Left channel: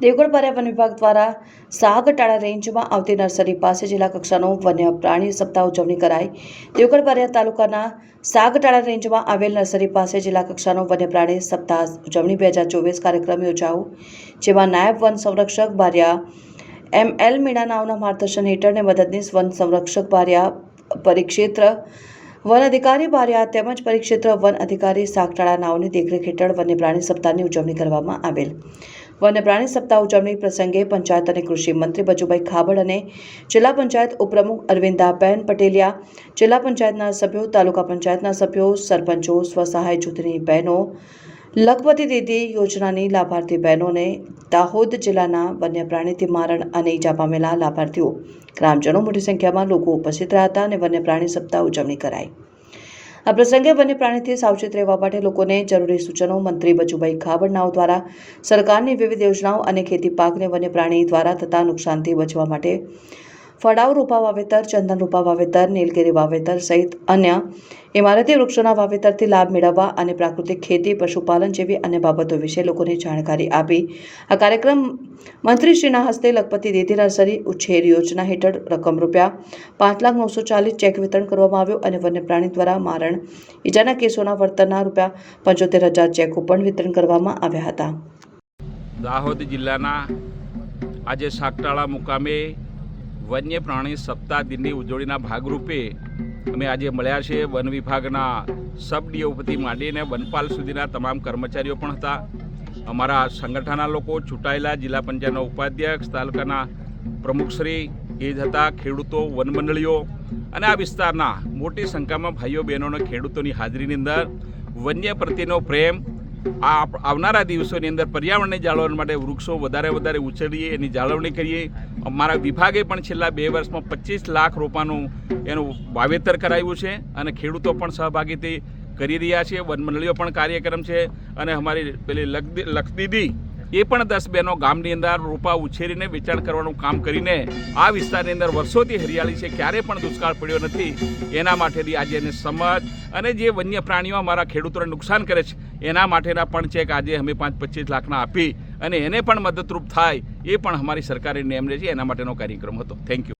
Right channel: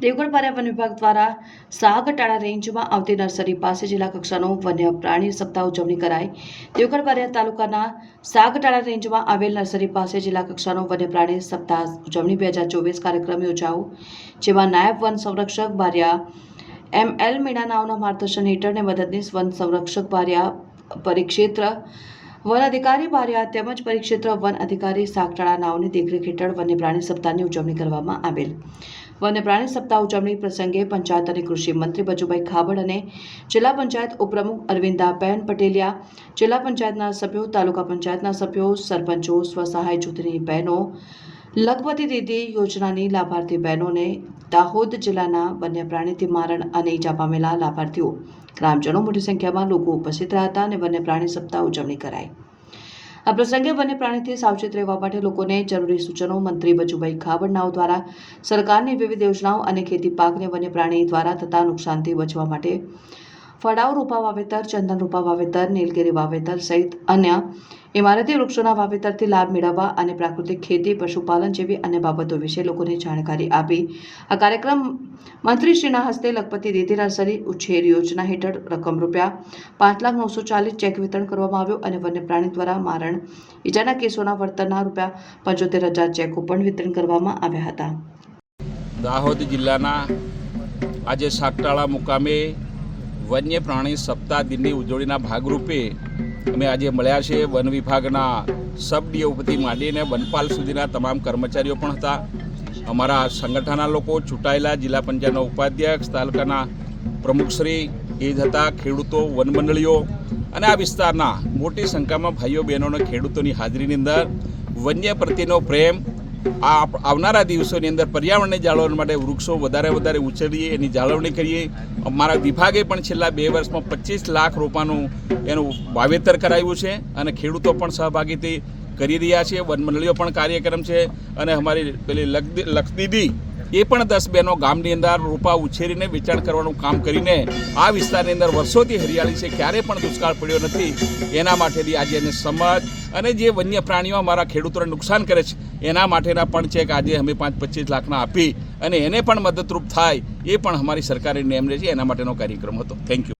દેવગઢ પર્યાવરણ વિભાગ દ્વારા સાગટાળા રેન્જમાં આવતી નર્સરી પાસે જિલ્લા કક્ષાનો વન્ય પ્રાણી સપ્તાહ ઉજવણી કરાઈ. દેવગઢ પર્યા તાલુકાના સાગટાળા રેન્જમાં આવેલ નર્સરી પાસે જિલ્લા કક્ષાનો વન્ય પ્રાણી સપ્તાહ ઉજવણી બે હજાર ચોવીસ કાર્યક્રમ યોજાયો, જેમાં નાયબ વન સંરક્ષક બારિયા એમ એલ મીણા નાવના માર્ગદર્શન હેઠળ ને મદદનીશ વન સંરક્ષક બારિયા પરિક્ષેત્ર, વન અધિકારી બારિયા તેમજ પરિક્ષેત્ર વન અધિકારી સાગટાળા નાવની દેખરેખ હેઠળ વન્ય સપ્તાહની ઉજવણી કરવામાં આવેલ. વન્ય પ્રાણી સપ્તાહ ઉજવણી પ્રસંગે પંચાયત અને કૃષિ મંત્રી બચુભાઈ ખાબડ અને જિલ્લા પંચાયત ઉપપ્રમુખ અરવિંદાબેન પટેલિયા, જિલ્લા પંચાયતના સભ્યો, તાલુકા પંચાયતના સભ્યો, સરપંચો, સ્વસહાય જૂથની બહેનો, લખપતિ દીદી યોજનાની લાભાર્થી બહેનોને દાહોદ જિલ્લાના વન્ય પ્રાણીથી મારણ અને ઈજા પામેલા લાભાર્થીઓ. ગ્રામજનો મોટી સંખ્યામાં લોકો ઉપસ્થિત રહ્યા હતા અને વન્ય પ્રાણી સપ્તાહ ઉજવણી કરાઈ. આ પ્રસંગે વન્ય પ્રાણીથી સાવચેત રહેવા માટે લોકોને જરૂરી સૂચનો મંત્રી બચુભાઈ ખાબડનાઓ દ્વારા, સરકારની વિવિધ યોજનાઓ અને ખેતી પાકને વન્ય પ્રાણી દ્વારા થતા નુકસાનથી બચવા માટે ફળાઉ રોપા વાવેતર, ચંદન રોપા વાવેતર, નીલગીરી વાવેતર સહિત અન્ય ઇમારતી વૃક્ષોના વાવેતરથી લાભ મેળવવા અને પ્રાકૃતિક ખેતી, પશુપાલન જેવી અન્ય બાબતો વિશે લોકોને જાણકારી આપી. આ કાર્યક્રમ મંત્રીશ્રીના હસ્તે લખપતિ દેતી નર્સરી ઉછેર યોજના હેઠળ રકમ રૂપિયા પાંચ લાખ નવસો ચાલીસ ચેક વિતરણ કરવામાં આવ્યો અને વન્ય પ્રાણી દ્વારા મારણ ઈજાના કેસોના વળતરના રૂપિયા પંચોતેર હજાર ચેકો પણ વિતરણ કરવામાં આવ્યા હતા. દાહોદ જિલ્લાના આજે સાગટાળા મુકામે વન્ય પ્રાણી સપ્તાહ દિનની ઉજવણીના ભાગરૂપે અમે આજે મળ્યા છે વન વિભાગના સબ ડીઓપતિ માંડીને વનપાલ સુધીના તમામ કર્મચારીઓ પણ હતા. અમારા સંગઠનના લોકો, ચૂંટાયેલા જિલ્લા પંચાયતના ઉપાધ્યક્ષ, તાલુકાના પ્રમુખશ્રી એ જ હતા ખેડૂતો, વનમંડળીઓ અને આ વિસ્તારના મોટી સંખ્યામાં ભાઈઓ બહેનોને ખેડૂતોની હાજરીની અંદર વન્ય પ્રત્યેનો પ્રેમ આ આવનારા દિવસોની અંદર પર્યાવરણને જાળવવા માટે વૃક્ષો વધારે વધારે ઉછેરીએ, એની જાળવણી કરીએ. અમારા વિભાગે પણ છેલ્લા બે વર્ષમાં પચીસ લાખ રોપાનું એનું વાવેતર કરાવ્યું છે અને ખેડૂતો પણ સહભાગીથી કરી રહ્યા છે. વનમંડળીઓ પણ કાર્યક્રમ છે અને અમારી પેલી લક્ષ લક્ષદીદી એ પણ દસ બહેનો ગામની અંદર રોપા ઉછેરીને વેચાણ કરવાનું કામ કરીને આ વિસ્તારની અંદર વર્ષોથી હરિયાળી છે, ક્યારે પણ દુષ્કાળ પડ્યો નથી. એના માટેની આજે એને સમજ અને જે વન્ય પ્રાણીઓ અમારા ખેડૂતોને નુકસાન કરે છે, એના માટેના પણ ચેક આજે અમે પાંચ પચીસ લાખના આપી અને એને પણ મદદરૂપ થાય એ પણ અમારી સરકારે રહે છે, એના માટેનો કાર્યક્રમ હતો. Thank you